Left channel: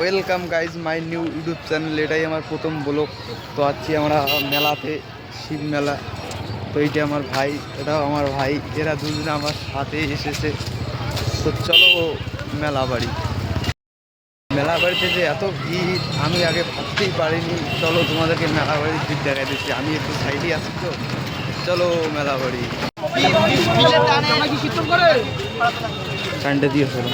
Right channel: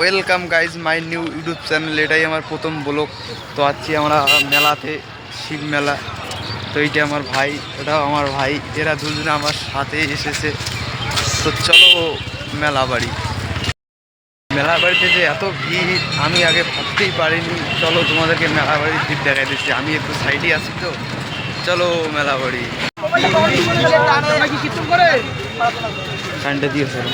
Welcome guys my new YouTube channel. এটাই আমার প্রথম ব্লগ। তো আছি আমরা মেলাতে, শিব মেলা। তো এইটা আমার ভাই, এটাও আমার ভাই, এরা দুজনে আমার সাথে এসেছে। তো চলো মেলা বাড়ি। মেলা বাড়িতে যে এত ভিড় আমি আগে ভাবতেই পারিনি। চলো তোমাদেরকে মেলা বাড়ির ভিড় দেখাই দিচ্ছি। আমি একটু সাইডে আছি, তো চলো মেলা বাড়ি। সানডে দিয়ে চলো।